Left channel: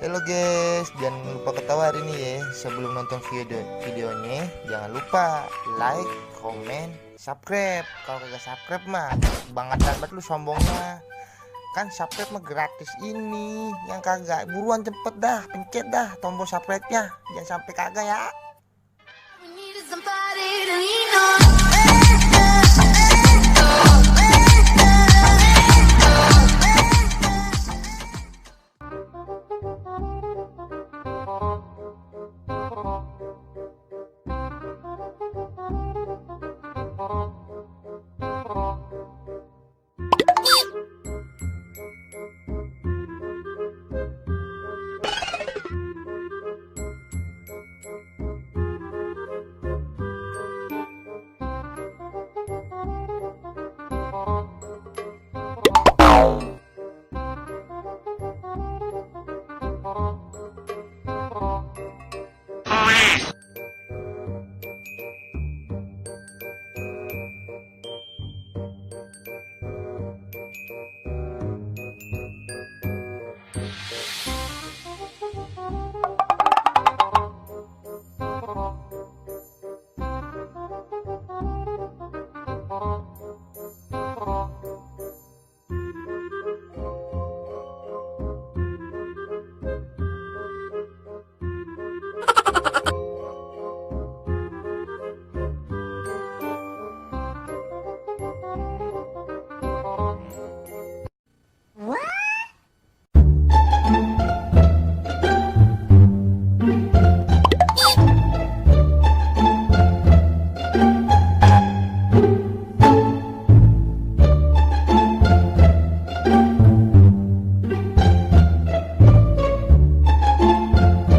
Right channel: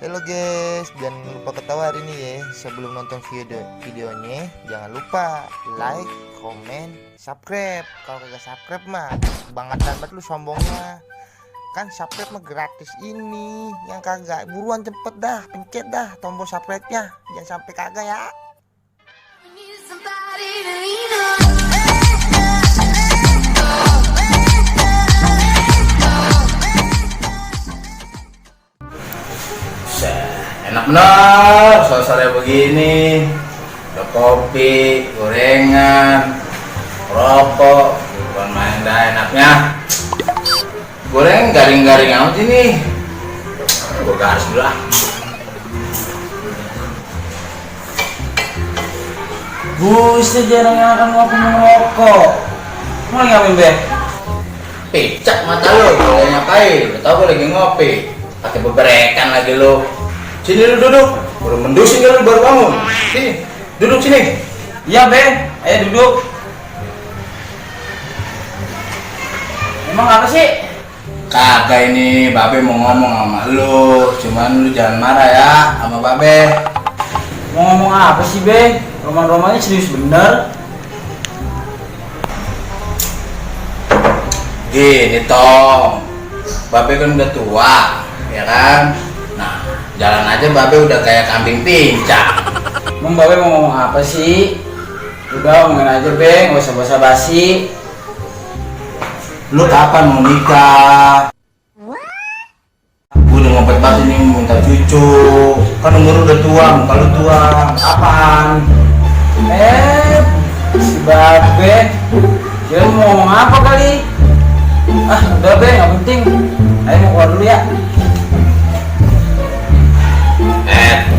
Halo guys, jangan lupa ketawa hari ini ya. Sebelum nonton videonya, jangan lupa like, komen, subscribe. Kalau kagak subscribe mah banget lu sombongnya. Kan subscribe mah gratis ini. Yang kagak buruan cepet dah, pencet dah tombol subscribe-nya. Jangan sampai kagak ya. Enak bener, sore-sore begini ada kopi, gorengan, rokok, bukan main dah enaknya. Goreng garing-garing amat ini. Gue gas dulu lah. Buset, jarang yang akan ngopi ngerokok. Mau ngapain be? Picak mata lu, ngapain? Udah tau gue lagi ngopi. Pakai beberekan lagi lu. Sini lu duduk, baru mendusin lu baru bangun. Sini, duduk sini. Iya be, ayo duduk. Emang apa sih? Kagak, ini babe mau ngomong sama lu. Cuman lu jangan marah ya sama babe. Mau ngomong apa sih be? Roman-romannya serius bener. Gini Tom, babe kan udah tua, ya kan? Nah, jalan aja babe udah kayak kambing pincak. Emang babe mau ngomong apa sih? Udah ngomongin aja be, nggak usah basa-basi. Lu kapan mau nikah? Gue udah ngompet banget nih minta cucu. Kan umur udah tua, muka lu tua. Kapan? Si babe, dia mau ngomong apa kali? Ah, udah be, nggak penting. Ayo mau keluar dulu ya.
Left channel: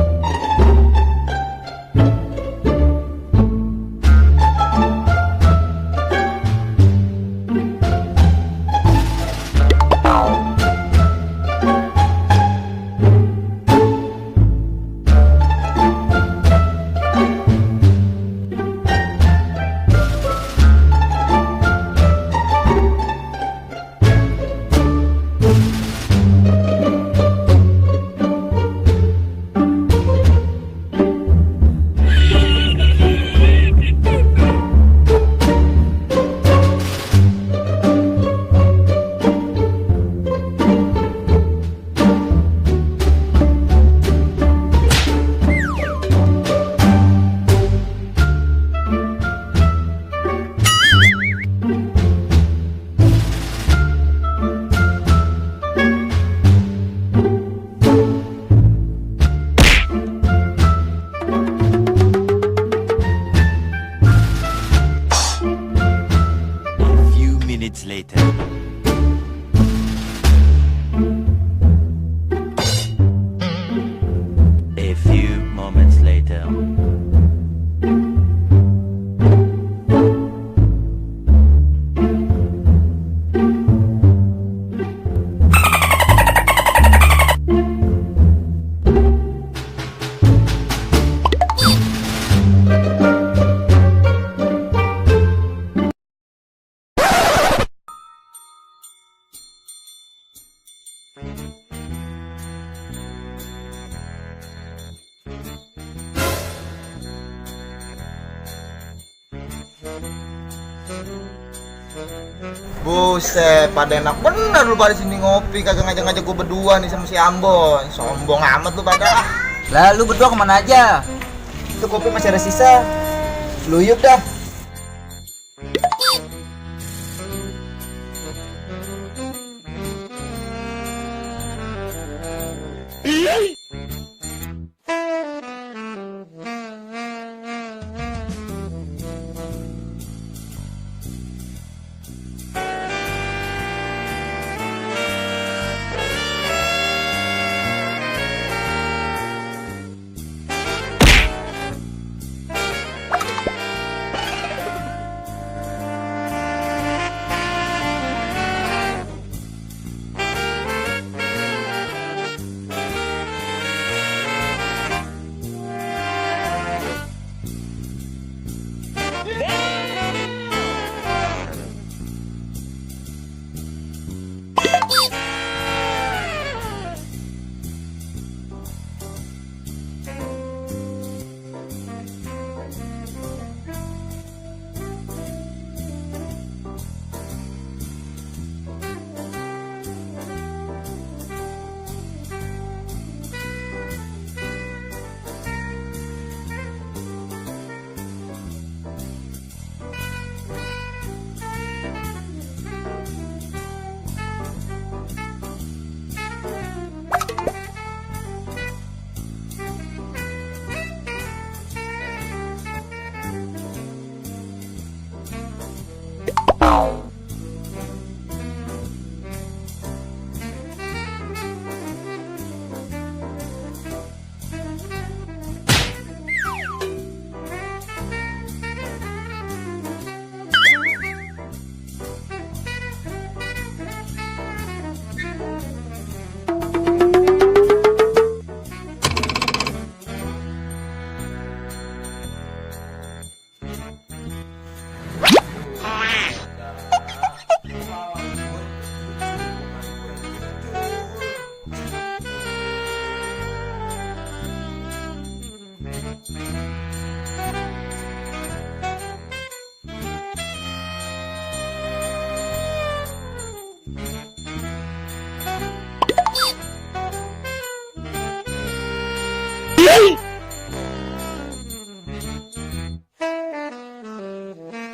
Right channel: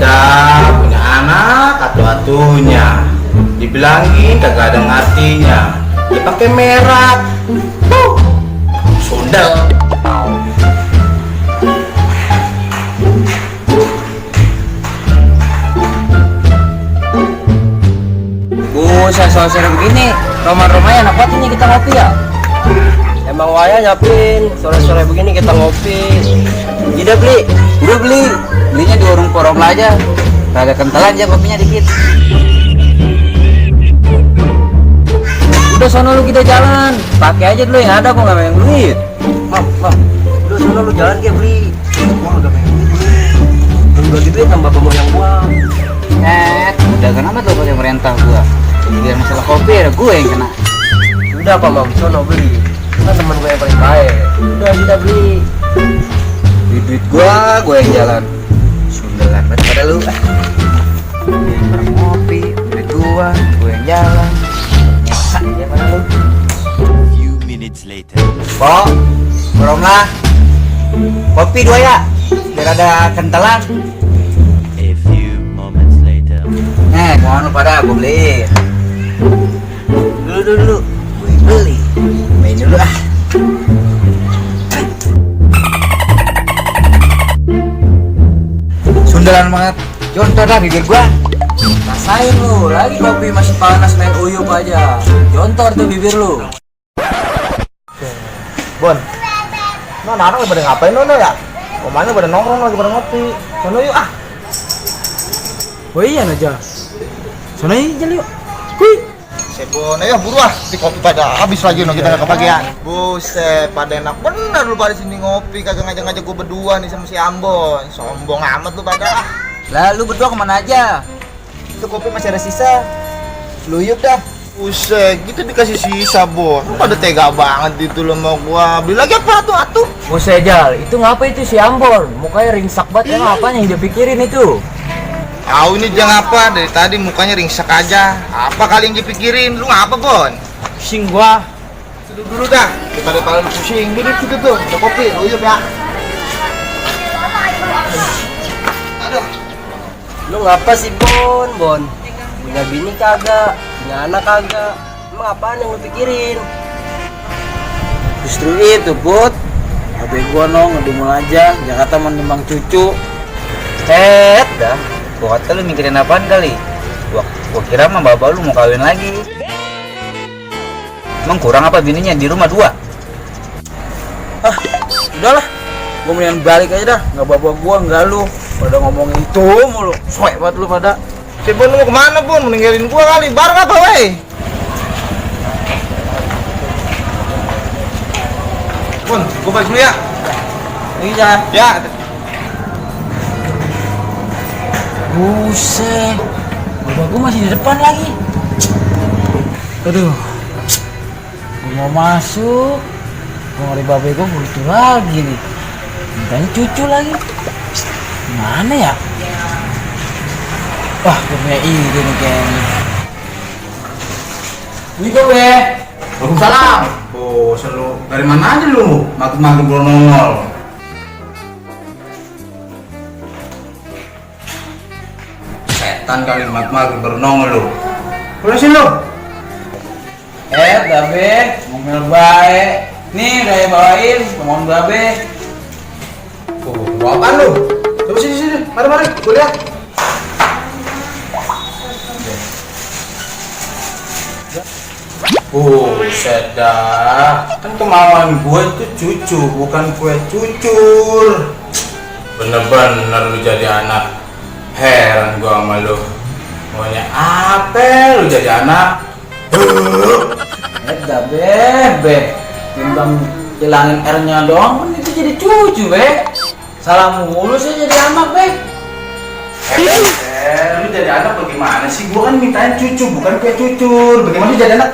Punya anak atu-atunya dibilangin kagak ada ngartinya, dipakai merah sudah. Buset, sore-sore begini rumah-rumahnya enak banget nih kita ngopi ya. Emang waya nyapin sore-sore begini kita ngopi. Tidak beli, udah belinya di warung porong aja. Kagak kentalan aja kopinya dikit. Udah sono lu kita jalan, pakai aja dulu yang ada, kok nggak pengen duit. Udah sono lu jalan dia beli. Gua nggak pengen duit. Bagi duit tambah banyak uang. Udah kenapa tuh kalau merintah gua? Biar masalah kopi ada gue yang kena. Udah apa bang, sono beli. Kan teman gue yang paling baik. Udah kita beli. Duit gue yang jalan. Sundelan banget pada lu. Ngopi, duit gue yang jalan. Few minutes later. Bo, boronglah. Kopi 2 ya, biar ada kentalan. A few moments later. Mohon lu pada gue beli. Dulu, gue beli. Main dulu ah. Sundelan banget. Jontor dah bibir gua. Rasain lu, lagi kopi masih panas main uyup aja. Jontor tuh bibir lu. Bon, anak pada ngapain lo ya? Omanya pada nongkrong lagi pada ngopi. Sono yuk ah. Oh iya aja. Sana aja yuk. Kui. Bon, ayo buru ah, di kopi pada habis lagi no, kita nggak kebagian. Buset, pada enak bener lu pada sini ngopi, kagak ngajak-ngajak gue berdua nih sama si Ambon. Sombong amat lu pada. Lah lu berdua kemana aja? Itu kopi masih ada sisa. Luyup dah. Buset, gitu dikasih sisa, Bon. Lu pada tega banget itu lo mau gua. Beli lagi apa tuh atuh? Buset Jal, itu ngapa itu si Ambon? Mukanya ringsak banget, emang apanya yang dia pikirin itu? Tahu ini jangan apa, dari tadi mukanya ringsak aja. Apa kali yang dipikirin? Lu ngapa, Bon? Pusing gua. Duduk dulu dah. Daripada pusing, duduk situ tuh. Ada kopi, luyup ya. Aduh. Lu ngapa sih Bon? Punya bini kagak, punya anak kagak. Emang apaan yang lu pikirin? Justru itu, Bud. Habis gua ngedumul aja, Jakarta menimbang cucu. Dah. Gua kata lu mikirin apaan kali? Gua kira mah bapak lu mau kawin lagi. Emang kurang apa bininya di rumah 2? Udahlah. Gua mendingan balik aja dah, nggak bawa gua, nggak lu. Pada ngomong itu mulu. Soek banget lu pada. Si Bon mau kemana Bon? Meninggalin gua kali. Bareng apa weh? Bon, gua balik dulu ya. Iya. Ya. Buset. Bapak gua masih di depan lagi. Aduh. Gua mau masuk. Gua ngeri babe gua butuh lagi nih. Mintanya cucu lagi. Gimana ya? Wah, gue punya ide nih kayaknya. Ini gue, Waalaikumsalam. Oh, selalu dari mana aja lu? Makin belum nongol. Setan kali makin baru nongol lu. Boleh sih lu? babe, ngomel baik. Nih udah ya bawain, ngomong babe. Oh, mau apaan lu? Coba sini. Mari, gue lihat. Buset dah. Kan kemauan gue itu cucu, bukan kue cucur. Bener-bener lu jadi anak. Heran gua sama lu. Maunya apa lu jadi anak? Bebe, timbang hilangin R-nya doang, kan itu jadi cucu, be. Salah mulu sih jadi anak, be. Lu jadi anak bagaimana sih? Gua kan mintain cucu, bukan kue cucur. Bagaimana lu jadi anak?